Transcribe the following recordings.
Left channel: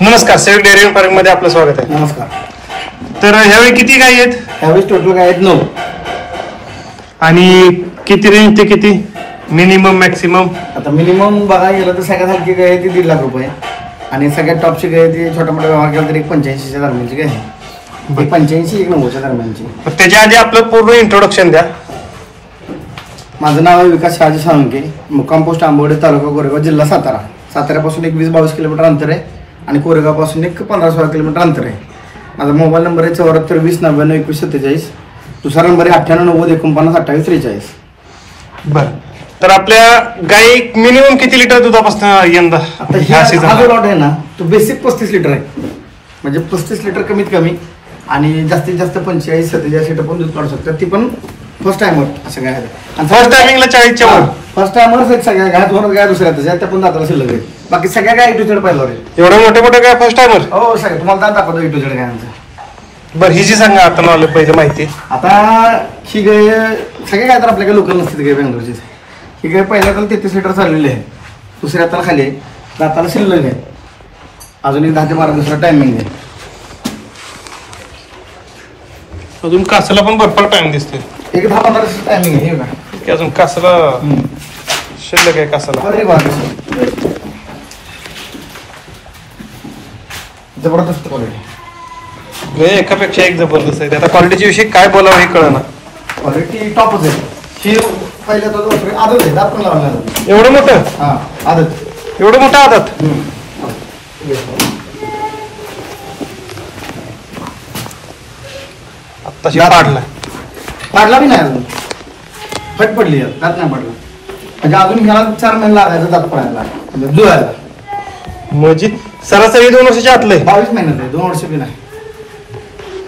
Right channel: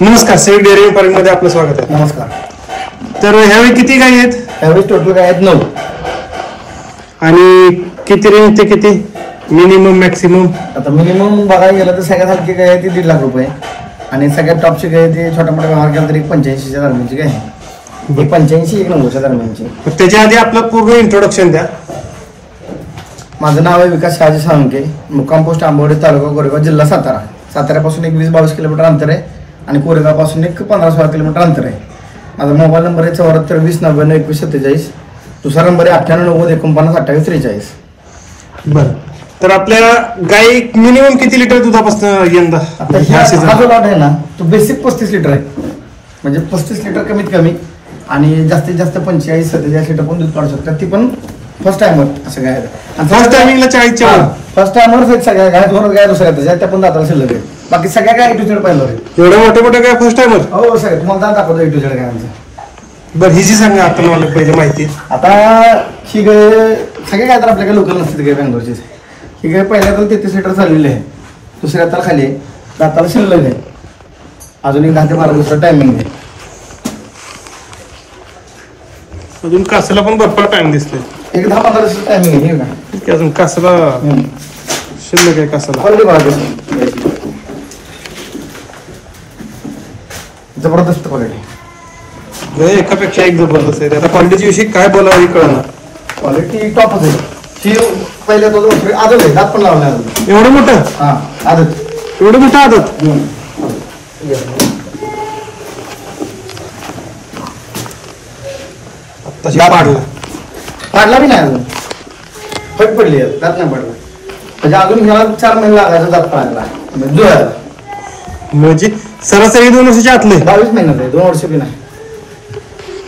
नमस्कार, save dairy farming मध्ये आपलं स्वागत आहे. नमस्कार. तर ह्यावेळी किती गाय आहेत? ह्यावेळी टोटल गाय आहेत 9. आणि किती रेंज ते किती मिनिमम मॅक्सिमम? आता मिनिमम बघायला गेलं तर सगळ्यात हलकी गाय आहे ती 1.5 लाख रुपये आणि सगळ्यात टॉपची गाय ती छोटा मोठा व्यवहार केला तरी 85च्या दरम्यानची गाय आहे. 85 एक 90च्या दरम्यानची. त्याच्या आधी आपलं पूर्ण इंट्रोडक्शन द्या. माझं नाव आहे विकास शहाजी साळुंके, मुक्काम पोस्ट आंबवडे, तालुका कोरेगाव, जिल्हा सातारा. साताऱ्यापासून एक 20-22 किलोमीटर अंतर आहे आणि कोरेगावपासून एक 15-16 किलोमीटर अंतर आहे. माझा मोबाईल नंबर आहे 74 20 99 21 47. दुसरा नंबर आहे 98 90 49 28 43. बरं, तर आपल्या गाय मिनिमम किती लिटर दुधापासून यंदा? आता हा जो लॉट आहे ना तो बेसिक 35 लिटर आहे, म्हणजे 35 लिटर कमीत कमी आणि जास्तीत जास्त 45-47 लिटर पण दूध काढू शकतात. ती पण फर्स्ट टाइमर असं काय आहे. आणि फर्स्ट टायमिंगला 40च्या वर. फर्स्ट टाइमरच आहेत सगळ्या गाय. 2 गाय दुसऱ्या आहेत त्या पण दाताला शिल्लक आहेत. बाकी सगळ्या गाय A to Z पाहिलं आहे. एवढ्या मोठ्या मोठ्या गाय फर्स्ट टायमर? हो सगळं तुम्हाला दात दाखवतो A to Z गायांचं. बरं, हिची सांगा आता नॉलेज पाहिजे माहिती. आता ही गाय सगळे काय तर आपल्याकडे लोकल नसते गाय बेंगलोरची. ही गाय पहिल्या तर 33 लिटर चाललेली आहे, दुसऱ्या तर खाली आहे, दाताला शिल्लक आहे, अजून एक 10 ते 12 दिवसाचा टायमिंग आहे. अजून कासाला पण भरपूर टाइम दिसतोय. एक 10-15 दिवसाचा टायमिंग आहे. की अजून कासाला शिल्लक आहे. कासाला क्वालिटी बघा, जबरदस्त क्वालिटी. हे एकापेक्षा एक जबरदस्त आहे. आता क्वालिटीच्या विषयी काय बोलावं हे कळलं. क्वालिटी टॉपच आहे. ही पहिल्या दोन आदत आहे, दात पण लावले. एवढं मोठं? हा आदत. एवढं मोठं आदत? आत्ताशी पाडला. काढला बी नाही अजून, फट पडली आहे, दात नाही पडला. म्हणजे अजून ह्याला 4 महिने लागायचं दात पडायला जुळायला. म्हणजे सरासरी 2 वर्षाच्या आतले. 22 महिन्यात आहे, 2 वर्ष बी नाही.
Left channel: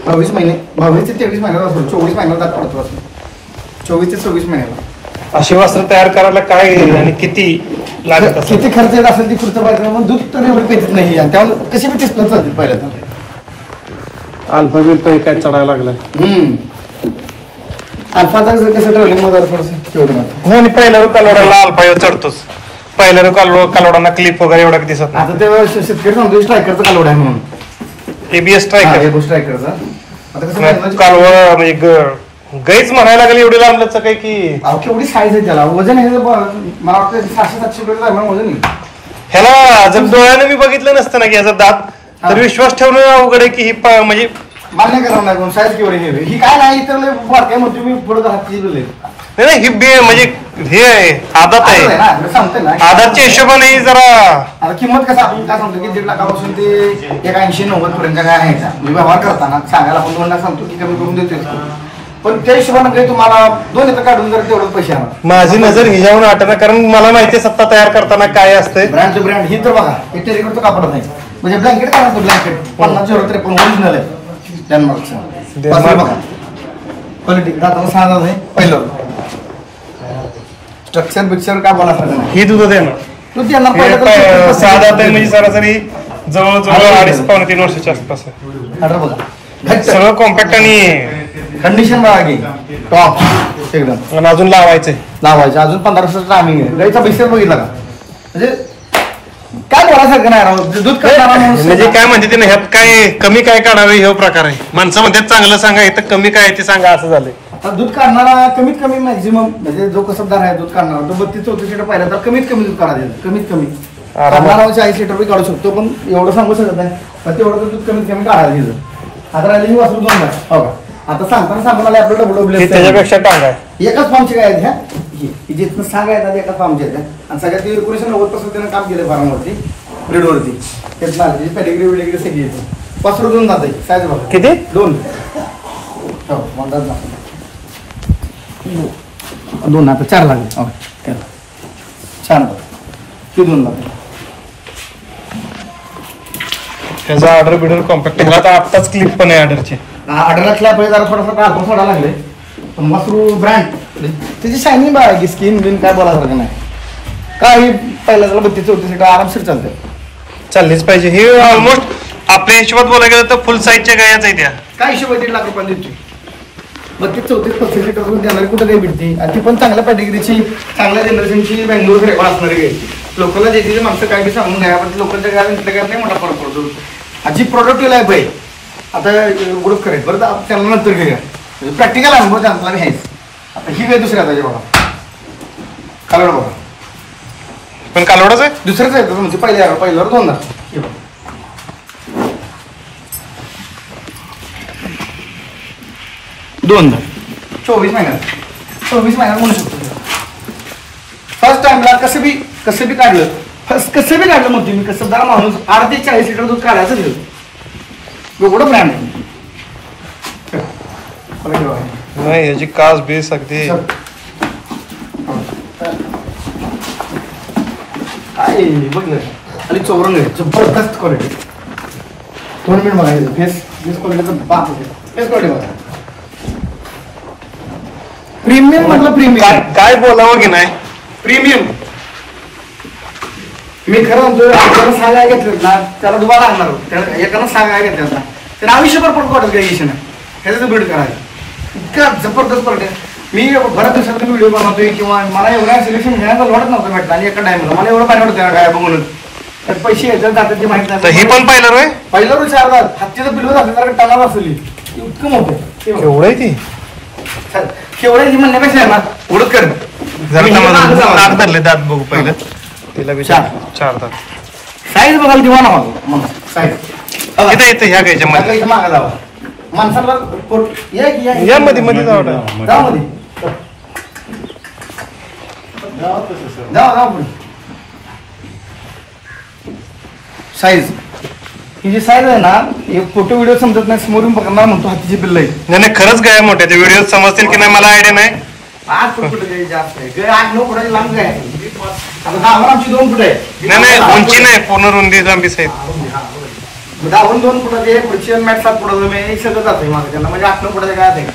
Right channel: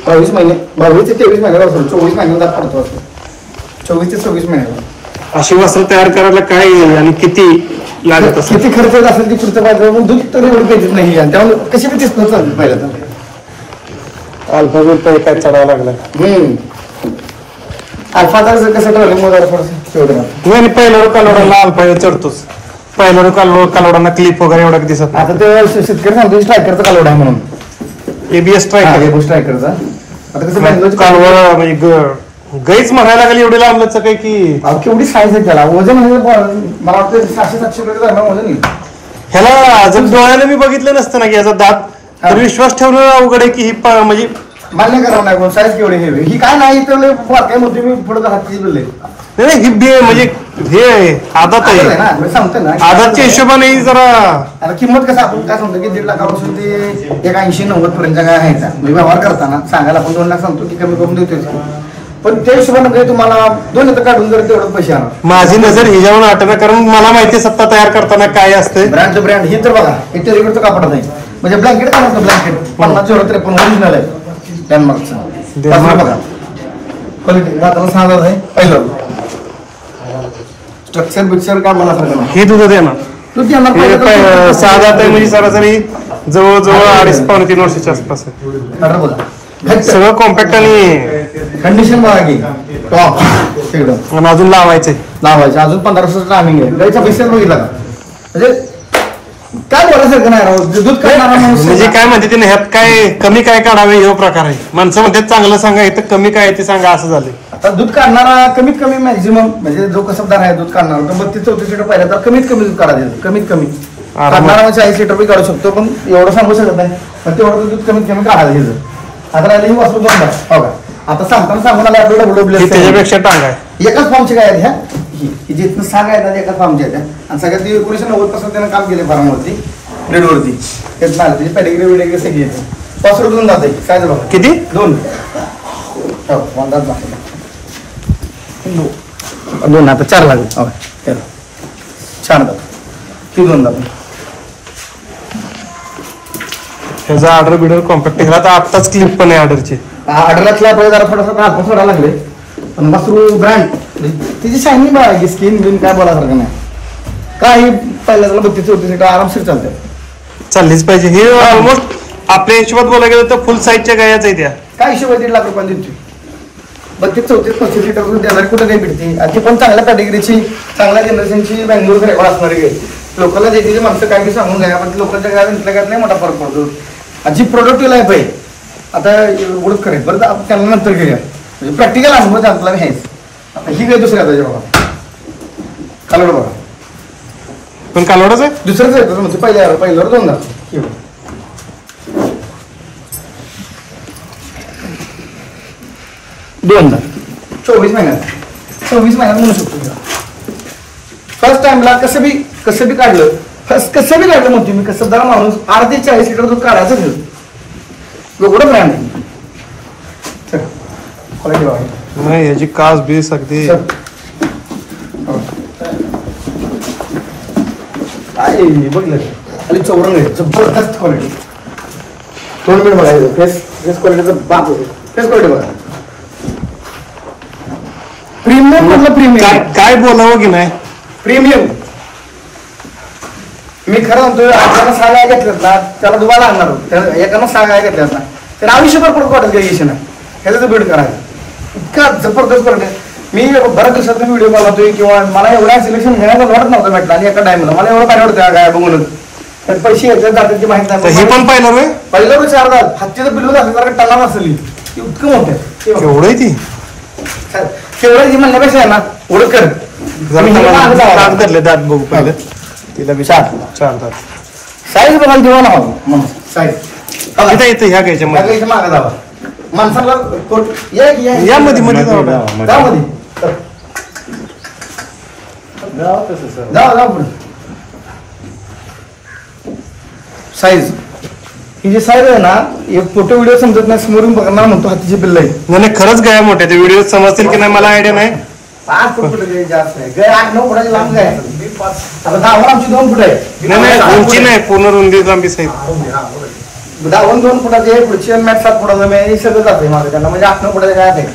22 महिने, 22 ते 23 महिन्याला असतो. 24 महिन्याला दात पडतो असतो. 24 ते 26 महिन्याला. अशी वस्त्र तयार करायला काय आणि किती लागत असेल? किती खर्च असेल ती पुढचं पाहिजे, पण दूध तर एवढं भेटत नाही. आणि त्यामुळे कशी बी तेच चालते पहिल्या तर अल्फा दूध काय चढायला लागलं. अल्फाचा कसं ट्रॉलिंग मध्ये तेवढं नाही. पहिल्या कालवडाला अल्फा चढतोच. पहिल्या कालवडांना क्लिप वगैरे एवढा दिसत नाही. आता ते शेतकरी सांगतो स्ट्रायकरचा कालवड आहे म्हणून. एबीएस स्ट्रायकरचा. आता कसं कालवडा म्हणजे गाईच म्हणायला लागली एवढी लांबचं काय की केवढी साईज आहे त्याला. वजन हे मला वाटतं 600-700 रुपये वजन. ह्याला जर डोळ्याने मी बघितलं नसतं ना की याचा दात, तर विश्वास ठेवणं अवघड आहे की ही म्हणजे मान्य करा नाही कोण साईज केवढी हे. ही काय नाही तर काय म्हणते मी पुढे हात दिले नाही. ही म्हणजे हे आदात आहे. सांगते ना आदातच्या हिशोबाने जरा. आता किंमत कसं आपण काय सांगतो की 1.5 लाखापासून ते 80-90 पर्यंत काय आहे. व्यवहार करताना सांगायला आपण 2 लाख सांगतो की कमी करून देतो, पण त्या हिशोबाने काही तुम्हाला 2 येतं काढून जर तेवढं पैसे आणा. माझी नजर ह्याच्यावर आठवणं, कारण मला माहिती सत्ता तयार करताना काय असते. ब्रँडचं ब्रँड ही तर बघा, हे टेरिकटचं कापड नाही. म्हणजे ब्लँकेट काय म्हणतो, ब्लँकेट 50-53 ओरिजिनल आहे डेन्मार्कचं. बघा क्वालिटी, दाताला 6 दात आहे. पहिलं स्ट्रक्चर बिक्चर काय बोला सगळं हे तुझं देणार. तू देणार 6 दात आहे म्हणजे सरासरी जवळजवळ 2.5-3 वर्षाच्या आसपास आहे. बघा सगळं कॉम्पॅक्ट आणि कंडिशन बघा की टॉप एकदम. आणि अजून लावायचंय अजून 15 वर्षाचं टायमिंग आहे. गाईचा बिसेस बघितला का, म्हणजे काय बोलायसारखं नाही राव. दूध काढणारा माणूस म्हणजे काय म्हणते ते ह्यात काय कमी काय काढावे हे प्रकार आहे. माणसं म्हणतात चांगलं सांगा, इथं कमी काय ते सांगा, असं झालंय. आता दूध काढणारा कमीत कमी मॅक्झिमम, म्हणजे जो कसबदार आहे दूध काढणारा तो 32-34 लिटर पाहिला तर कमीत कमी दूध काढायचं. कमीत कमी काढणारा 40 लिटर बी काढू शकतो, पण एवढं सांगू शकत नाही. पण तेवढं दूध कमीत कमी काढायचं. आता राहिली ही वस्तू 2 लाख. हो आता सांगताना सांगून आला आपल्याला त्याच्यापेक्षा टांग आहे. एकाच फॉर्मचे काय आहेत ह्या, ही जिथनं सांगा येतात एकाच फॉर्मचे आहेत. आणि सगळ्यात 1990 त्यानं काम केलं फार्मवरती, ब्रीडवरती. तेच नाही त्याची पॅडिग्री विडिग्री सगळी येतं. 5 रुपये 2 जाते. साईज बघा किती? 2. हो 2 आता 4 लागले. हो त्याला 4 जात ही 2 जात. ह्याचा ऑर्डर बिडर कॉम्पॅक्ट. ह्याला तर आत्ताच क्लिप पण आहे ऑर्डरची. ऑर्डरला आपल्याला जरा थोडासा अल्प सोडा लागले, पण मसरू ब्रँड त्याची शायनिंग बघा की स्किन बिन काय बोलासारखं नाही. काही पहिल्या त्याला 32-34 लिटर आरामशीर चालतं. चाललीच पाहिजे. हे ऑलमोस्ट आपल्या हिशोबात बोलायला गेलं तर फुल साईजच्या गायाच आहे त्या. काय हिशोब 1.5 लाख रुपये द्यायची. 32-34-35 लिटर देणारी कुठे काही भेटते. आणि ती पण चांगल्या कॅटेगरीची, चांगल्या जनरेशनची, बँगलोर असणारी गाय. लोकलला जे माणसं काय ते सांगून घ्या, पण लोकलच्या गाड्या इथल्या गाड्या नाही मोठा फरक पडतो. जी प्रोडक्टिव्ह लाईफ आहे आता एवढंच करेल बरं, आपण त्यांना नंतर घेऊया. म्हणजे प्रॅक्टिकल अनुभव त्यांना मी आहेच. आता ही काय दुसऱ्या त्याच्या बघा कालवड बघा, पण कालवडाच आहे दुसरंच आहे म्हणजे पहिल्यावर 2 दात. हे बघा 2 दात 24 महिन्यात म्हणू शकतो. फर्स्ट टाइमला कसं बी काढलं, कसं बी काढलं म्हणतो मी. कसं दर माणूस 8 ते 40 लिटर दूध काढायचं ठेवतो एवढं ब्रँड नाही. याची कास बेस अगदी काय बघलं खाली चौरंग आहे, जबरदस्त क्वालिटी. 2 मिनिट बघायचं. फेस क्वालिटीचा बाप होते. फेस क्वालिटी बघा, प्रीमियम म्हटलं प्रीमियम. काय बोलावं की नाही. प्रीमियम मी खरं म्हणतोय. आपल्याला 6 गाय घेतल्यात ना, त्याला दुबारा लागणार. तर एकानं 6 गाय घेतल्यात ना, तर आयुष्यभर पडत वाटत काही आहे ह्याचं बीड करायचं. इतका जबरदस्त पडत. मी बऱ्याच दिवसात व्हिडिओ बनवतोय किंवा मला एवढ्या सिलेक्शन घ्यायला वाटत नव्हतं भेटलं, आणि एका टाइमला मला एवढं पाणी वाटतं गाय म्हणून. तर पैसे याच्यात जातात माहित नाही. हे पण पाहिलं रे, पहिल्यावर 4 दात हत्तीचं पिल्लू असेल तर टनात असेल इतकं मोठं. एवढं आहे ती केवढं म्हणण्यापेक्षा आहे ना ओळख कर. दात करले, दात बघू पहिलं. तिला 4 दात. साईज बघायला देवा ना मग साईज इथे येते ह्या गायच्या मध्ये. मागा जावा माणसाला या मध्ये मध्ये जाऊ ना. जा मध्ये जा साईज ही जी साईज आहे ना, एक फोटो व्हिडिओ समजत नाही, समोरून बघणार म्हणतो हातीची पिल्ल आहे. नाही खरंच गाय मोठे. ते व्हिडिओ समजतील की नाही मला आयडिया नाही. 5 फूट जास्त नाही, गाय 8-9 फुटाची लांब गाय. आता गावाला आमची 2 फूट आहे. नाही उंची नाही, पूर्ण रुंदी लांबी साहेब. 2 फुटाचे पुढचे मॅट 7 फुटाचं हे सगळं जातंय माझं त्यांना. म्हणजे 8-9 फुटाचे काय आहे का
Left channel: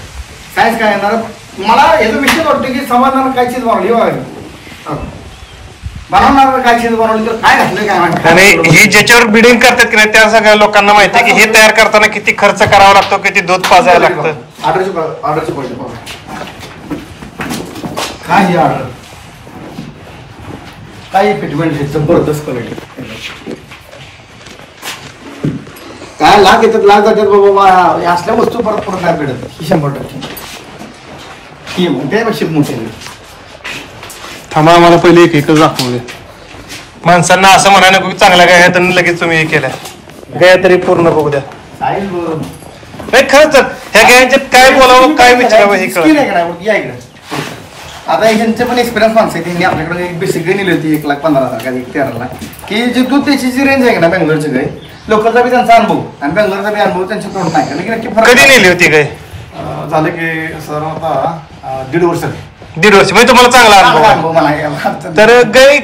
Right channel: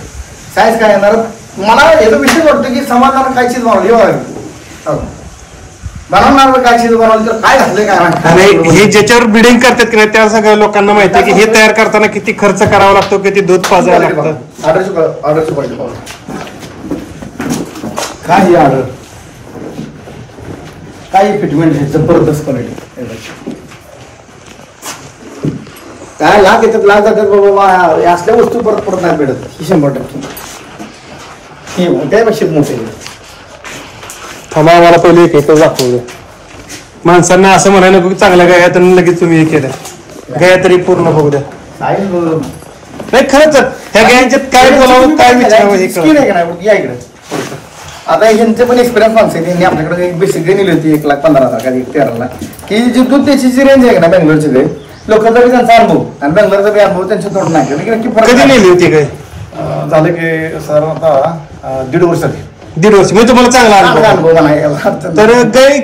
साईज काय येणार. मला याचा विषय वाटतो की समाजानं काय चीज बनवली बनवणार काय चीज बनवली तर काय घातलंय काय नाही. आणि हे ज्याच्यावर बिडिंग करतात की नाही त्या सगळ्या लोकांना माहिती आहे की हे तयार करताना किती खर्च करावा लागतो, किती दूध पाजायला लागतं. ऑर्डरची क्वालिटी पाहू काय ही ऑर्डर काय फिटमेंट जबरदस्त क्वालिटी. काय लाख येतात लाख जातात बाबा. असल्या वस्तू परत परत नाही भेटत. ही 100% ही त्यापेक्षा मोठी. थांबा आम्हाला पहिले एक दाखवू दे. माणसांना असं म्हणायला नको चांगल्या गाय तर लगेच तुम्ही हे केल्या गाय तरी पूर्ण बघू द्या. नाही खरंच ह्या गायच्यात काय बोलावं काय विचारावं हे कळलं. या इकडे आता यांचे पण एक्सपिरियन्स माणसं आहे. त्यांनी आपल्याकडे बेसिक गाय नेली होती 1,15,000 का 1,13,000 की जी दूध त्याची जी रेंज आहे ना बेंगलोरची गाय. लोकलचा बी त्यांचा अनुभव आणि बेंगलोरचा बी अनुभव त्यांच्या तोड नाही. नक्की कधी नेली होती गाय. झालं की साधारणतः 1.5 वर्ष. 1.5 वर्ष म्हणजे तुम्हाला चांगला अनुभव म्हणायला. तर गाय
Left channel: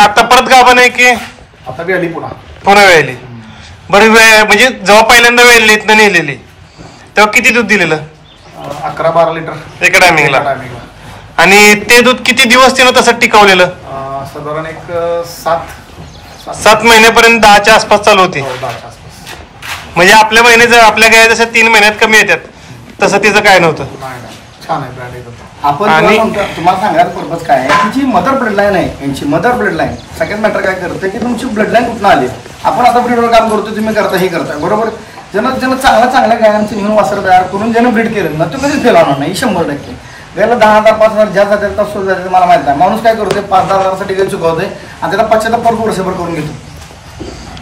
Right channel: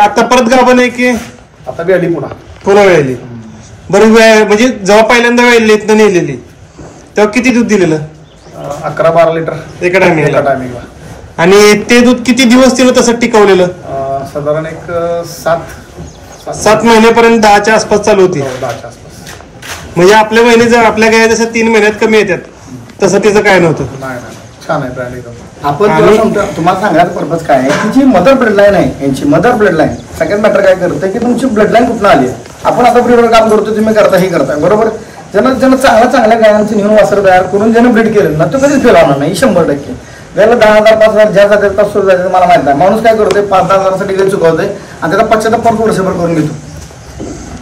आता परत गाभा नाही की आता बी आली पुन्हा वेळली. बरं वेळ म्हणजे जेव्हा पहिल्यांदा वेळली इथनं नेलेली तेव्हा किती दूध दिलेलं. 11-12 लिटर एका टायमिंगला. आणि ते दूध किती दिवस तिनं तसं टिकवलेलं. साधारण एक 7 महिन्यापर्यंत 10च्या आसपास चालू होती. 10च्या आसपास. म्हणजे आपल्या महिने जर आपल्या गाय जसं 3 महिन्यात कमी येतात तसं तिचं काय नव्हतं. छान आहे ब्रँड एकदम. आपण तुम्हाला सांगायचं पर्पज काय आहे. तिची मदर ब्लड लाईन आहे. यांची मदर ब्लड लाईन सगळ्यात मॅटर काय करतं की तुमची ब्लड लाईन कुठून आली. आपण आता ब्रीडवर काम करतो, तुम्ही करता हे करताय बरोबर. ज्यानं चांगल्या गायांचं नेऊन वासर तयार करून ज्यानं ब्रीड केलं ना तो कधीच फेल होणार नाही 100%. गायला 10,000 5,000 ज्या जातात का सुरू जाते मला माहित नाही. माणूस काय करतोय 5-10 हजारासाठी गाय चुकवतोय आणि त्याचा पश्चाताप परत वर्षभर करून घेतो.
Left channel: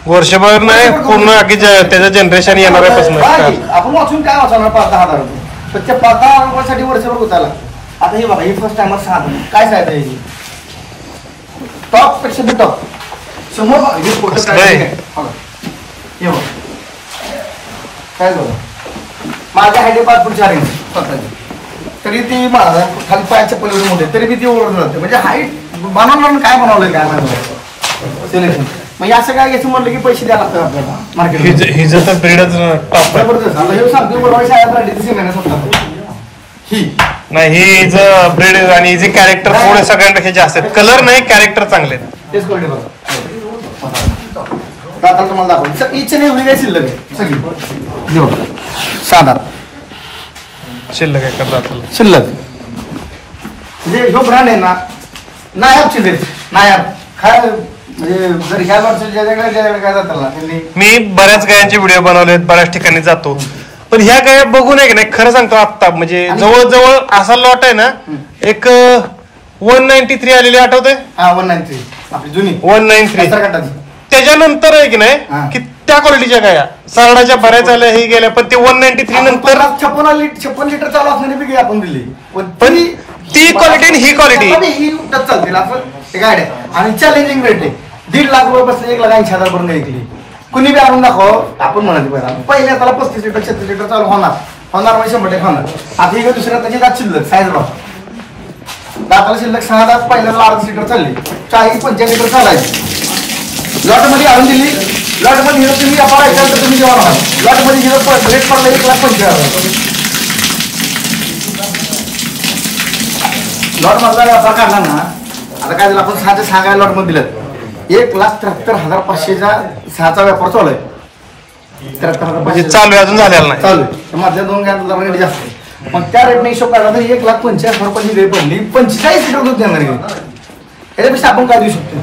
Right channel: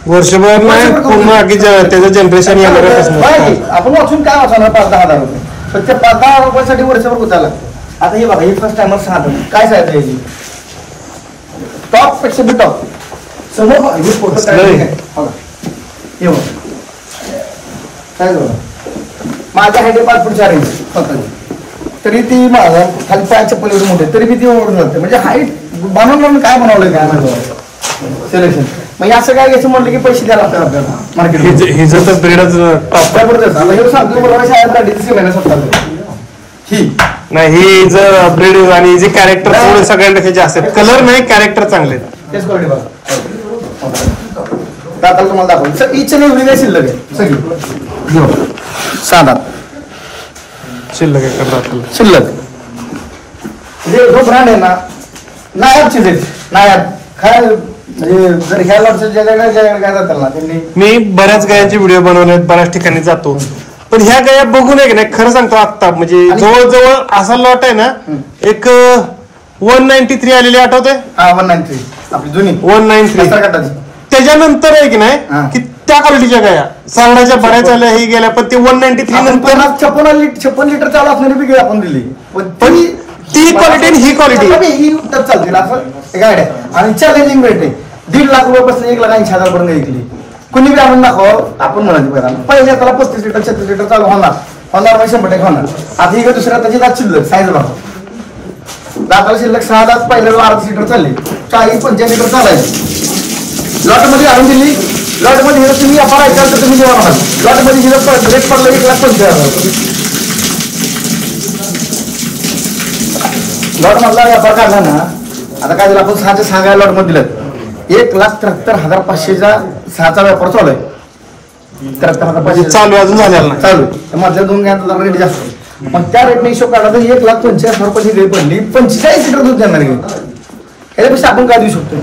वर्षभर नाही पूर्ण आगी त्याचं जनरेशन येणार. आपण वाचून काय वाचवणार 5-10 हजार रुपये. तर त्या 5-10 रुपयासाठी वर्षभर गुतायला लागतो. आता हे बघा ही फर्स्ट टाइमर 6 काय सांगता याची टॉप पेक्षा बी टॉप समोर हे फोटो काय बघा काय बघा. माझ्या हाईट 5 फूट 4 इंच स्वतःची. तरी ती माझा खाली पाय चप्पल एवढी मोठे तरी बी ती ओढून जाते. म्हणजे हाईट बनवलं काय बनवलंय काय नाही सिलेक्शन. म्हणजे असं काय घ्यायचं म्हटलं की पैसे द्यायला लागतात आपल्याला मार्केट. हिचं तर ब्रीडच जबरदस्त. आता हे सांगतो मला शाळेत महिन्यात होतात ही नाही. हे जे ब्रीड आणि जे कॅरेक्टर थोडे सगळ्यांपेक्षा जास्त आहेत. कलर नाही कॅरेक्टर चांगले आहेत. तेच कळले बघा. दाखल तुम्हाला दाखवलं इच्छा नाही एवढी नाही शिल्लक आहे सगळी 7 शिल्लक आहे शिल्लक. म्हणजे जो ब्रँड आहे ना नायाब चीज आहे. नायाब काय म्हणजे जर ह्या लॉटचं ज्याच्याकडे काय जातात ना त्यांनी मी बऱ्याच गायांचे व्हिडिओ बनवलेत, बऱ्याच ठिकाणी जातो, पण ह्या गाया बघून आहे की नाही खरं सांगतो आत्ता म्हणजे जवळजवळ असा लॉट आहे ना, एक 193 आलेली आठवते, 193 आपली जुनी 193 त्याच्यानंतर आहे की नाही की त्या क्वालिटीच्या गाया सावडाच्या बऱ्याच आल्या हे गेल्या, पण ते 193 नंतर 56 लिटर चालू असणारी बी गाय आपण दिली, पण ती क्वालिटी आणि ही क्वालिटी ही चालतील असं गाड्या आणि चॅलेंजिंग रेट आहे. 1.5 लाख रुपयापासून 1,80,000 पर्यंत विकली. कुणी बी आणून दाखव आपण म्हणायचं पहिल्या त्याला 35 लिटर 36 लिटर चालू होणार म्हणजे 100% होणार. आता ही दुसऱ्या त्याची दात शिल्लक साईज बघा, दाताला शिल्लक 6 दात पहिल्याला 1/2 लिटर चालली, 40-45 लिटर चालायची. लॉट मध्ये आणून दिली, लॉट मध्ये हे तुम्ही आपण ऐकाल तर तुम्ही जेव्हा बघा लॉट मध्ये हिरो रेट पडला 1,50,000. लॉट मधला व्यापार काढला ना, आता काय झालं आपण 6च्या 6 गाय लॉट मध्ये दिलं, 1,73,500चा 6चा व्यापार चालू आहे. 73,500 चालू आहे, अजून झालेला नाही, चालू आहे. माझ्या 2 गायांचा रेट जास्त आहे, मग त्या रेटने हिशोब काढला तर 1,85,000 रुपयाची गाय पडली, 45 लिटर दूध देणार गाय. त्याच्यापेक्षा आपण काय देऊ शकतो?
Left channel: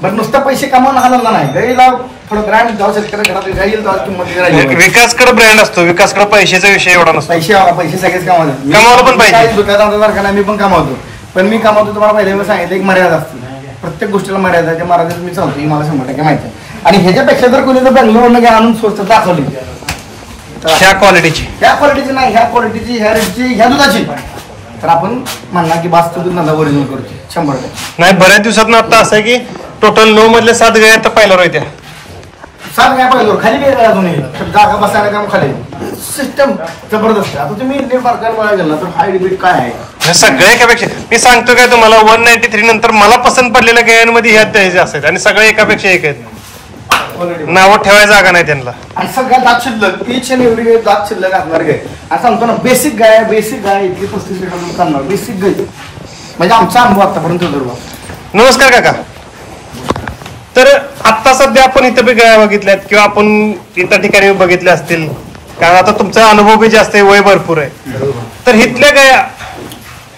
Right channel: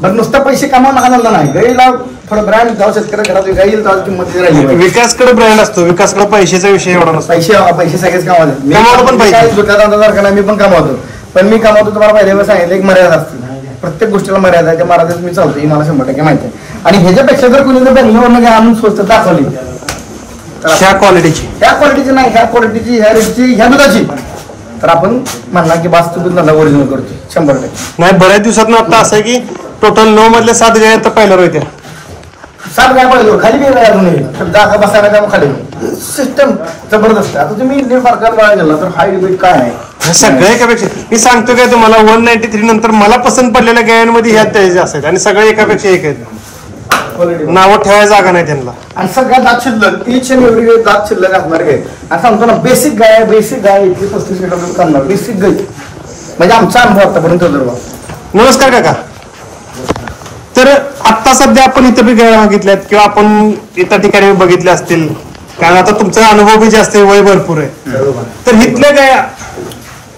बरं नुसतं पैसे कमावून आनंद नाही, गाईला थोडं ब्रँड जेव्हा शेतकरी घरात गाई येईल तेव्हा किंमत राहिली. विकासकडे ब्रँड असतो, विकासकडे पैशाचा विषय एवढा नसतो. पैसे सगळेच कमावले, कमावलं पण पाहिजे. मी पण कमावतो, पण मी कमावतो तुम्हाला पहिल्या सांगितलं एक मर्यादा असते, प्रत्येक गोष्टीला मर्यादा आहे, त्या मर्यादेत मी चालतो ही मला 100% माहिती आहे. आणि ह्याच्यापेक्षा जर कोणी जर बेंगलोरमध्ये आणून स्वस्त दाखवली ह्या क्वालिटीची नाही, ह्या क्वालिटीची, ह्या रेटची, ह्या दुधाची, तर आपण म्हणणार की बास तुम्ही धंदा ओरिजिनल करतो 100%. नाही बऱ्याच दिवसात आता असं आहे की टोटल 9 मधल्या 7 गाय तर पहिल्यावर होत्या. 7 गाय पाहिजे खाली बी जागा बसायला जाऊन खाली सिस्टम जबरदस्त. आता तुम्ही इंडियन मार्केट बघायला गेला तर हाय रिबीट काय आहे सगळ्या एकापेक्षा. मी सांगतो काय तुम्हाला 193 नंतर मला पसंत पडलेल्या गायांमध्ये ह्या त्याचे असतात आणि सगळे एकापेक्षा एक आहेत, नावं ठेवायला जागा नाही त्यांना. आणि सगळ्या दात शिल्लक ईच आणि एवढी गाय दात शिल्लक असणार गाय. आणि सांगतो ना बेसिक गाय इतकी 35 लिटर दूध करणार बेसिक गाय, म्हणजे आमचा अनुभव आतापर्यंत जर. नमस्कार काका. तर आता सध्या आपण इथं बी गाया बघितल्यात किंवा आपण इतर ठिकाणी बघितल्या असतील, कारण आता तुमचा अनुभव बी जास्त आहे, वय भरपूर आहे, तर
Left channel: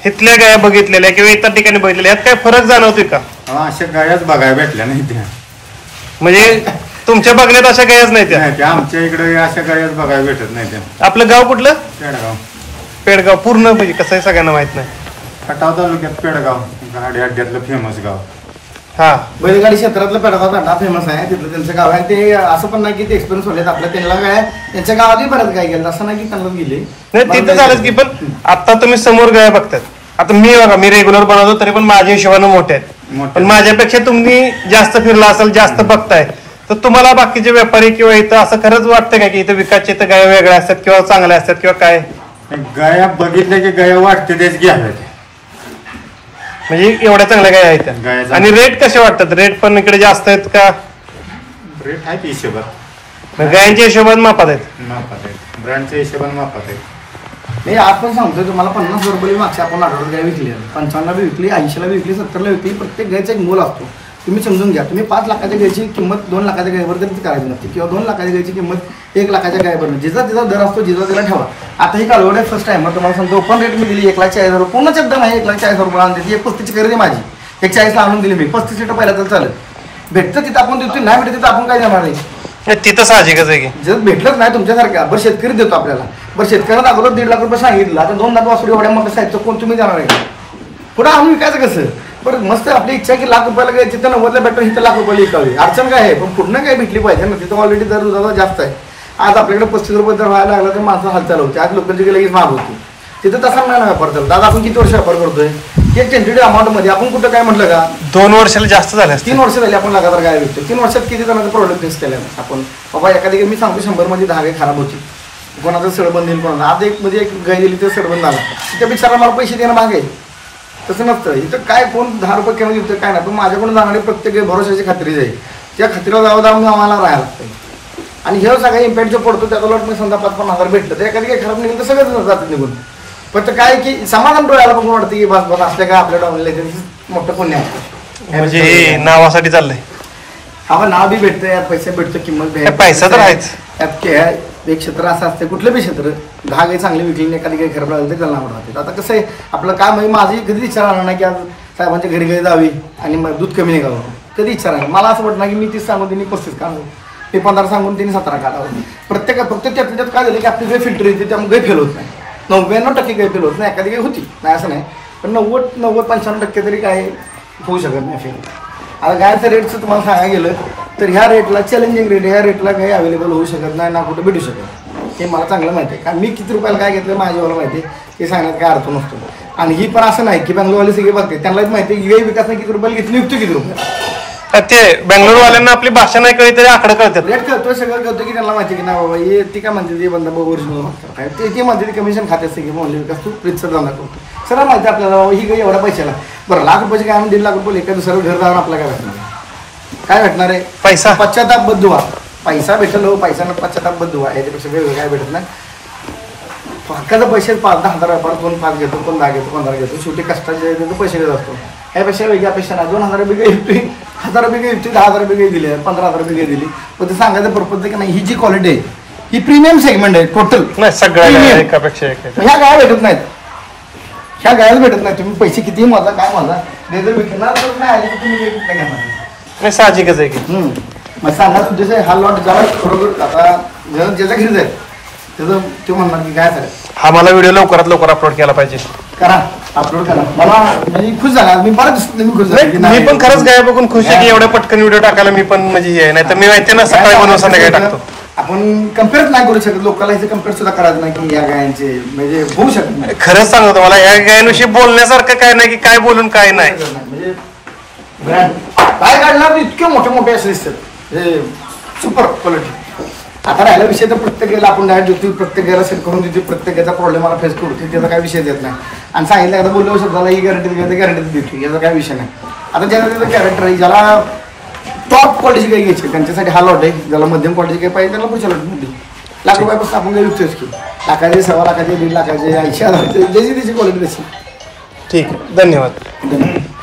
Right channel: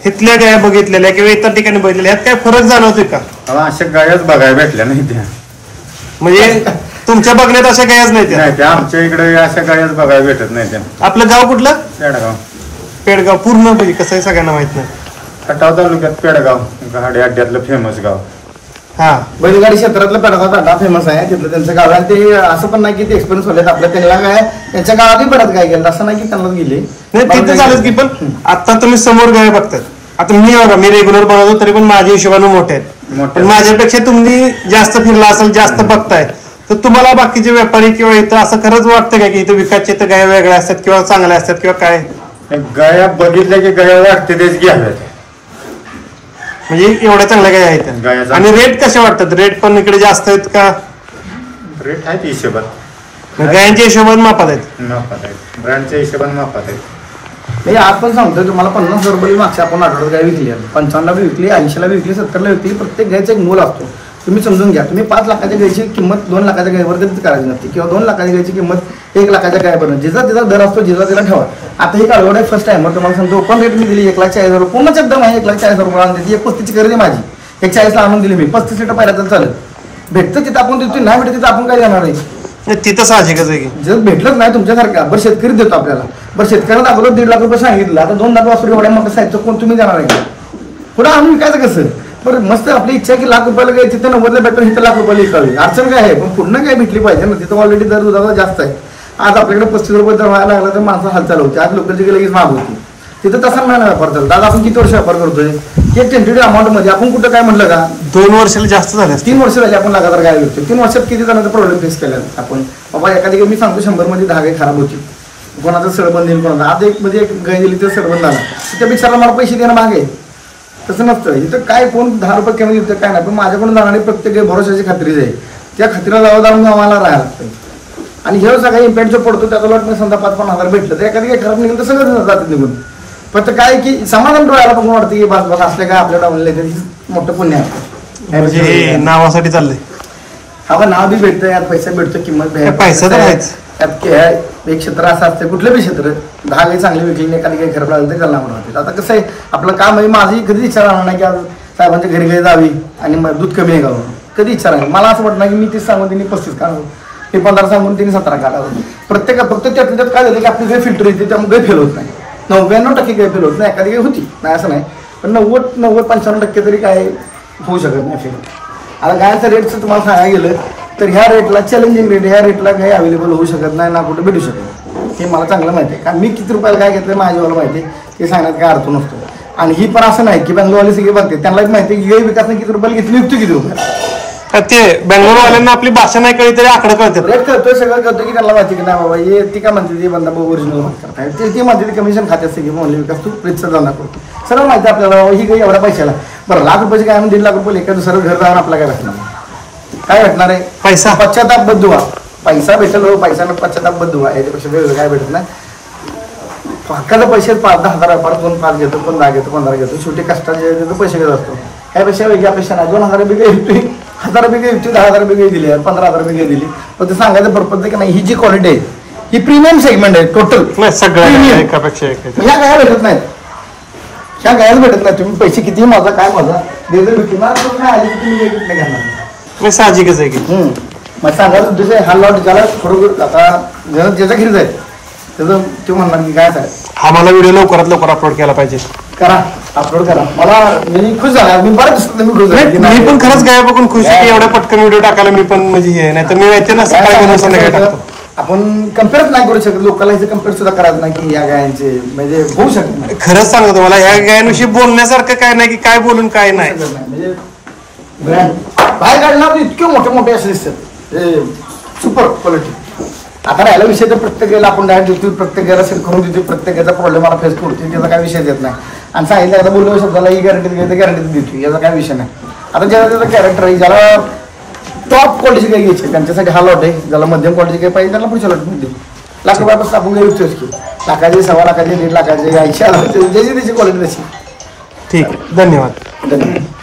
इथल्या गाया बघितलेल्या किंवा इतर ठिकाणी बघितलेल्या यात काय फरक जाणवतोय का? अशा गायाच बघायला भेटल्या नाही त्या, म्हणजे तुमच्या बघण्यात अशा गायच नाही त्या आमच्या इकडे अशा गायच बघायला भेटत नाही त्या. आपलं गाव कुठलं? पेडगाव पूर्ण म्हणजे कसं आहे सगळ्यांना माहित नाही. खटाव तालुक्यात पेडगाव गाडी अड्ड्यातलं फेमस गाव. हा बैलगाडी क्षेत्रातलं पेडगाव अड्डा फेमस आहे, तिथलं त्यांचं गाव आहे. ते असं पण नाही की ते एक्सपिरियन्स होते आपल्या, त्यांना काय त्यांच्या गावातही बऱ्याच गाय गेलं, असं नाही की त्यांना गेले नाही तिथे झालंच की. पण आता तुम्ही समोर गाय बघतात, आता मी रेग्युलर बनवतो तरी पण माझ्या हिशोबाने मोठे आहेत, पण माझ्यापेक्षा तुम्ही जास्त फिरला असाल, जास्त बघताय, तर तुम्हाला बाकीचे व्यापारी किंवा इथं असं खरंच वाटतं का की इथं विकासचे तर गाय वेगळ्या असतात किंवा चांगल्या असतात किंवा काय? गाया बघितल्या की गाया वाटते तेच घ्याव्यात, म्हणजे एवढ्या चांगल्या गाय आहेत. आणि रेट कसे वाटतात? रेट पण इकडे जास्त आहेत का? रेट आहेत हिशोबात, गायांच्या हिशोबात मापात आहेत, ब्रँडच्या हिशोबाने मापात आहेत. नाही आज पण सांगतोय तुम्हाला 50 रुपये मागच्या आपण 18 गाय विकली, 55ला बी विकली, 80ला बी विकली, 70ला विकली. प्रत्येक गायचा एक मोल असतो, तुम्ही समजून घ्या. तुम्ही 5 लाखाच्या गायची किंमत 2 लाखाच्या गायवर कधीच करायची नसते, किंवा 2 लाखाच्या गायची किंमत 1 लाखाच्या गायपर्यंत जिचा तिचा दर असतो, जिचा तिला ठेवा. आता ही कालवड आहे फर्स्ट टाइमवर तुम्हाला सांगतो, ओपन रेट मी दिली 1,40,000 रुपये, पूर्ण शब्द नाही 1,40,000 रुपये आणते. 35ची खरेदी माझी 140ला आणून दिली मी, 35 लिटर पहिल्या तर चालेल. भेटतं तिथं आपण देतो, नाही भेटत तिथं आपण काय देणार आहे? तिथं साहजिकच आहे की जर भेटलंच नाही तुमच्यासारख्या बरं शेतकरी देतो आपल्याला. बरं शेतकऱ्यांना अगोदर 1.5 लाख रुपये सांगितलं, आता 2 लाख वासरू एवढ्या मोठ्या साईजचं कोण तुम्ही देणार आहे? पुढे आम्ही विकायचं कसं? बरं मस्त आपली इच्छा की लाख रुपयाला काय तिथं 90ला भेटून इथं लाख रुपयाला विकावी, अडचण काय आहे? पण पूर्ण काय भेटली पाहिजे ना. तिथं ऑलरेडी दर दुधाचा जास्त आहे. आज आपल्याकडे 35 रुपये दर व्हायला लागला तर माणसं हालचाल होती, आज लोकांची लगेच माग होती. तिथं तसा नाही ना व्यापार चालतो. आज आपण किती वर्ष व्यापार करतोय? एक टेंटेटिव्ह अमाऊंट मध्ये आपण कुठं काय म्हटलं का 2 वर्षाला जास्त झाले, 3 वर्ष झाली आपण लगातार गाय विकतो. 3 वर्षात किती जणांचा प्रॉब्लेम फेस केला आपण? बाबा एखादी मी सांगतो 100 मध्ये 10 गाय खराब होती, कोणाचं सडबंद येईल, कोणाचा आज एक मध्ये एक गाय गेली तर सडबंद झाला, त्या बिचारा मला पैसे देणं मागे. तसं नसतं इथं काय, कोण 10 रुपये कमी देतं काय नाही, पण माझ्याकडून जाणारी प्रत्येक गाय भरोशाची खात्री आहे, त्या खात्रीला जाऊन आम्हाला राहायला लागतं. आणि हे सगळा इम्पॅक्ट जो पडतो त्याचा लॉट मी समजा 5-5 हजार भेटलं तर एखादी काही खराब निघेल तर सगळं जातात निघून. फक्त काय की समाधान डोळ्याला बघून वाटतं की बस बस असल्या काय आपल्या डावलेलं मोठं पुण्य आहे, म्हणजे नावासाठी चाललंय. हा नाव बी भेटतं, यात पैसा भेटतो, किंमत पैसा तर आहेच. एक क्षेत्र असं असतं, कुठलं बी क्षेत्र 10 गाई चांगली विकली, एखादी काही खराब लागली तर त्याला नाव राहते. आता कसं आहे आपलं काम आहे, माझी कधी विचार राहणार नाही की आज साहेबांच्या घरी घरी जावी आणि मग दूध कमी निघावं. कधी इच्छा नाही. मला असं वाटतं की मी 30 सांगून त्यांनी 35 काढावं, ते 15 सांगून त्यांनी 17 काढावं. फक्त त्यात काय झालं की आपली गाय फिल्टर येते त्यामुळे गाय फेल होत नाही. 99% गाय फेल होत नाही. एखादी गाय होती नाही असं नाही, पण 90-95% तरी काय होऊ शकत नाही फेल. आता गायचं रेटचं तुम्हाला सांगायला गेलं तर ह्या रेटला चॅलेंजिंग रेट, ह्या रेटला काही अवेलेबल होऊ शकत नाही ना कुठं भेटू शकत. हे मला चांगलं माहिती आहे. कारण मी किती रुपयाला काय घेतलं माझ्यावाला माहिती आहे, ते सांगण्यात काय अर्थ नसतो. आणि ही पण असं नाही की बँगलोरवाले सगळे बघते, त्यांनाच माहिती आहे की गाई विकासने किती रुपयाला घेतली, युक्त किती रुपयाला. ते बँगलोरवाल्यांना आपली भाषा नाही कळली तरी आकडा कळतात. रेट कळतोय, सगळं कळतो की त्यांना माहिती की नाही बाबा हे ती काय म्हणते ती बंदा ओरिजिनल बात करताय, ती म्हणते ती कमिशन खात्यात सगळी म्हणले विकास तू रितसर धंदा करतो. सर्व माहिती आपल्याला ही काही एवढ्या पैशाला. बरं लाख रुपयाची काय म्हणून 1.5 लाख रुपये एका दुसरं घर जाऊन आपल्याला काय भेटणार, काय भेटणार आहे? पैसा. पश्चाताप बद्ध व्हा. पैसा भेटेल हो, पैशानं पश्चाताप बद्ध व्हा, याच्यापेक्षा वेगळं काय भेटत नाही. हक्काचं पैसे 5-10 हजार व्यापार, कोण 5 घेतो, कोण 10 घेतो, 15 घेतो, शेवटी कष्टाचे पैसे घेत असतो. ह्यापेक्षा वेगळी अपेक्षा नाही. 2,000 रुपये येतोय, 1,000 रुपये येतोय, 10,000 रुपये दिली, 15,000 रुपये दिली, पण ते सांगायचं पर्पज की नाही ही जी क्वालिटी आहे ही प्रीमियम सेगमेंट आहे टोटल. सगळ्या एकापेक्षा एक. ह्या गाया भेटत नाहीत, ह्या गायच भेटत नाही. तुम्ही पैसे किती माझा काय माझा विकणार नाही आली की तुम्ही भेटत नाही घेणार. साहजिकच आहे की. मग सांगायचा उद्देश आहे हा लॉट ज्याला खरोखर आता ज्याच्या घरी जाईल त्याचं ते म्हणणार की काय चालेल हा मला व्हिडिओ लवकरात लवकर अपलोड केला पाहिजे. करा, अपलोड करा. मला म्हणजे खुश झाला, मी बरं दिसतो, मी खुश झालो. मी पण खरंच गाय बघून खुश आहे की एवढ्या पटकन व्हिडिओ टाकायला मी पण म्हणजे हे नाही तर मी माहिती ना सकाळी बनवून संध्याकाळी टाकतो. आपण कम्पेअर नाही करू शकत, लोकांना इथे कम्पेअर सुद्धा करायचं नाही की या गायांचे म्हणजे होऊ शकत नाही. खरंच सांगतो मला या गायांविषयी बोलण्यासारखं काय नाही की काय बोलून काय नाही. म्हणजे बाहेर काढणार इतके मोठे मोठे असे दिसतात सुपर क्वालिटी. आता राहिला विषय तर प्रत्येकाला आपण डायरेक्ट देतो, प्रत्येकाला सेल करून देतो, प्रत्येकाचा प्रॉब्लेम मला फेस करू त्याचा काय विषय देत नाही. आणि सांगितलं एकदा बोललो शब्दाला ही गॅरंटी गॅरंटी देतो, याचा काय विषय नाही. आता ज्याला त्याचं कॅरेक्टर आहे, ज्याला टॉप क्वालिटीची काही घ्यायची त्यांच्यासाठी हा लॉट आहे, ज्याला मध्यम क्वालिटीची काही पाहिजे त्याला पुढच्या लॉटमध्ये लाख रुपयापासून आपण काही विकतोच की लाखाची, 1.25 लाखाची, 1.5 लाखाची, 80,000 ज्याची त्याची क्वालिटी तशी. ठीक आहे, धन्यवाद. धन्यवाद.